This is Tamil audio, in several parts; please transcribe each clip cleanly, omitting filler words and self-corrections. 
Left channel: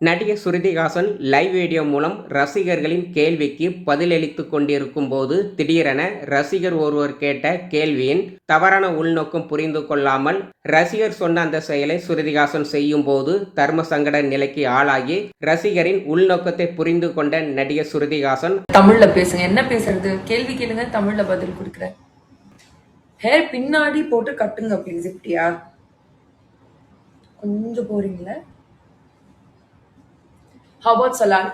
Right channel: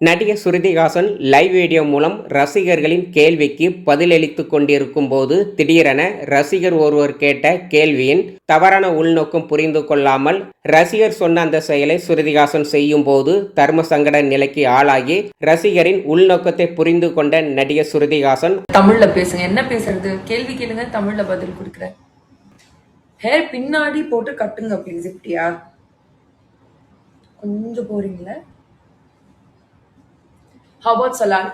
நடிகர் ஸ்ருதிஹாசன் லைவ் வீடியோ மூலம் ரசிகர்களின் கேள்விக்கு பதிலளித்துக் கொண்டிருக்கும் போது திடீரென ரசிகர் ஒருவர் கேட்ட கேள்வியின் தவறான உள்நோக்கம் புரிந்து கொள்ளாமல் ரசிகர் சொன்ன அந்த செயலை ஸ்ருதிஹாசன் செய்யும் போது தர்ம சங்கட நிலைக்கு ஆளாகி ரசிகரின் உள்நோக்கத்தை புரிந்து கொண்ட நடிகர் ஸ்ருதிஹாசன் தமிழ்ல பேசுங்க, என்ன பேசுறது, கேள்வி கேளுங்க, தமிழ்ல பதில் கொடுக்குறேன். ஹேர் பின்னாடி போட்டு கட்டுங்க ப்ளீஸ். இப்படியா கொஞ்சம் போறீங்களா? How about Salan?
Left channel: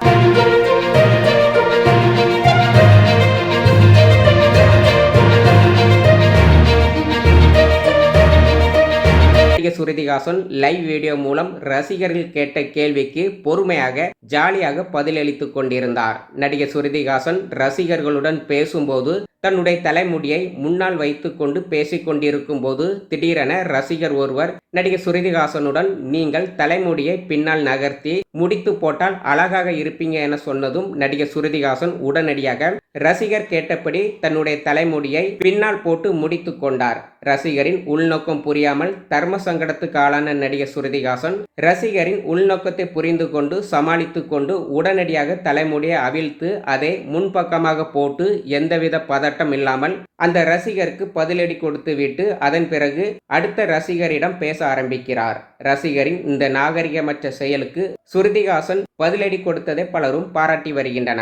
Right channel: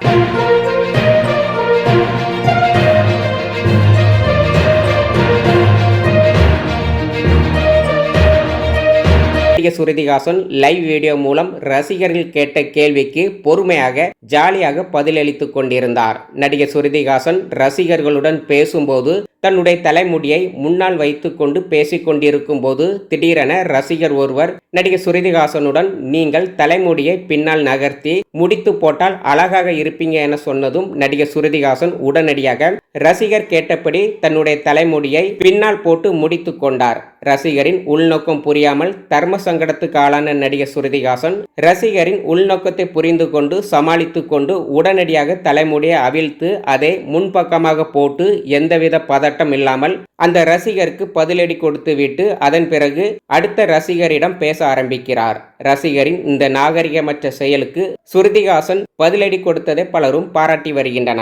நடிகர் ஸ்ருதிஹாசன் லைவ் வீடியோ மூலம் ரசிகர்கள் கேட்ட கேள்விக்கு பொறுமையாக ஜாலியாக பதிலளித்துக் கொண்டிருந்தார். நடிகர் ஸ்ருதிஹாசன் ரசிகர்களுடன் பேசும்போது தன்னுடைய தலைமுடியை முன்னால் வைத்துக் கொண்டு பேசிக் கொண்டிருக்கும் போது திடீரென ரசிகர் ஒருவர் நடிகர் ஸ்ருதிஹாசனுடன் நீங்கள் தலைமுடியை பின்னால் நகர்த்தி முடித்து போட்டால் அழகாக இருப்பீங்க என சொன்னதும் நடிகர் ஸ்ருதிஹாசன் உடனடியாக ரசிகர் கேட்டபடி தன்னுடைய தலைமுடியை பின்னால் போட்டு முடித்து கொண்டார். ரசிகரின் உள்நோக்கம் புரியாமல் தர்ம சங்கடத்துக்கு ஆளான நடிகர் ஸ்ருதிஹாசன் ரசிகரின் உள்நோக்கத்தை புரிந்து கொண்டு சமாளித்து கொண்டு உடனடியாக தலைமுடியை அவிழ்த்து அதை முன்பக்கமாக போட்டு எந்தவித பதட்டம் இல்லாமல் அந்த ரசிகருக்கு பதிலடி கொடுத்து விட்டு அதன் பிறகு அடுத்த ரசிகரிடம் பேச ஆரம்பிக்கிறார். ரசிகரின் இந்த நாகரிகமற்ற செயலுக்கு ஸ்ருதிஹாசன் பதிலடி கொடுத்ததை பலரும் பாராட்டி வருகின்றனர்.